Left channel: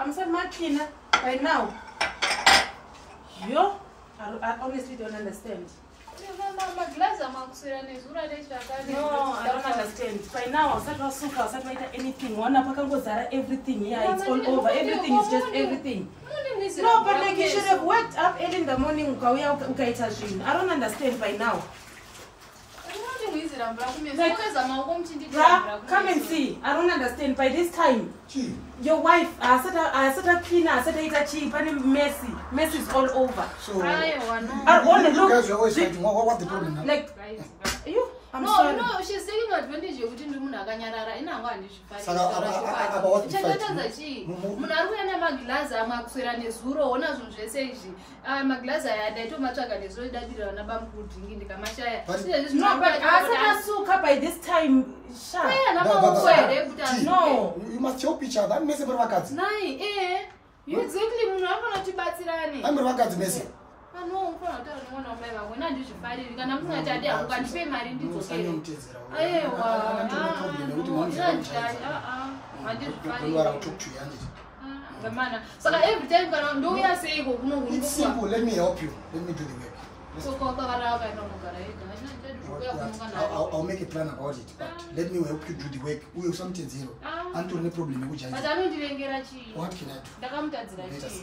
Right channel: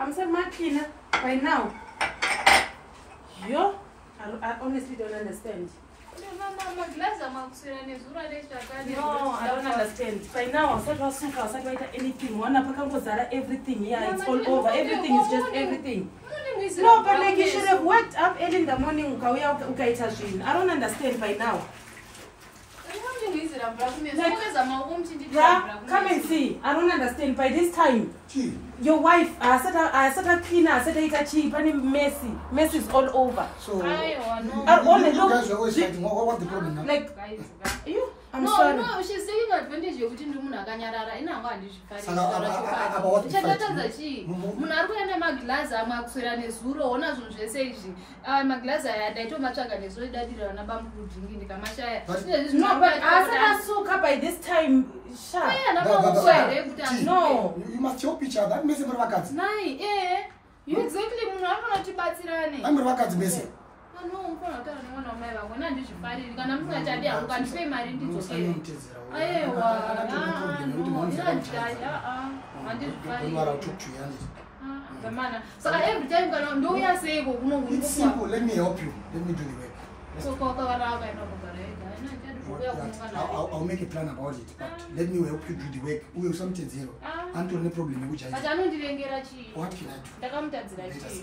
I'm saying my cleaner by now. Yo, I honestly don't understand. No, I don't understand. By now, I start anything. One everything. Yeah, it's all over. Everything is just everything. No, but like you should have waked up early in the morning. I don't understand by now. Like, come and see. I don't understand. By this time, your wife, I said a cleaner, I said it's cheap and messy. Mess is all over. So, you guys are always fighting. What's the problem now? Like, you? I'm sorry. No, she's taking advantage of it. By this time, no. You must help each other. You exactly. I'm a messy. No, when I did fight, I'm going to pay my so every time I say, it's simple. Let me help you. Let me do the work. So I'll make a plan about it, but let me help you do the work. We have something zero. Anto, no problem. But I don't get what can I do?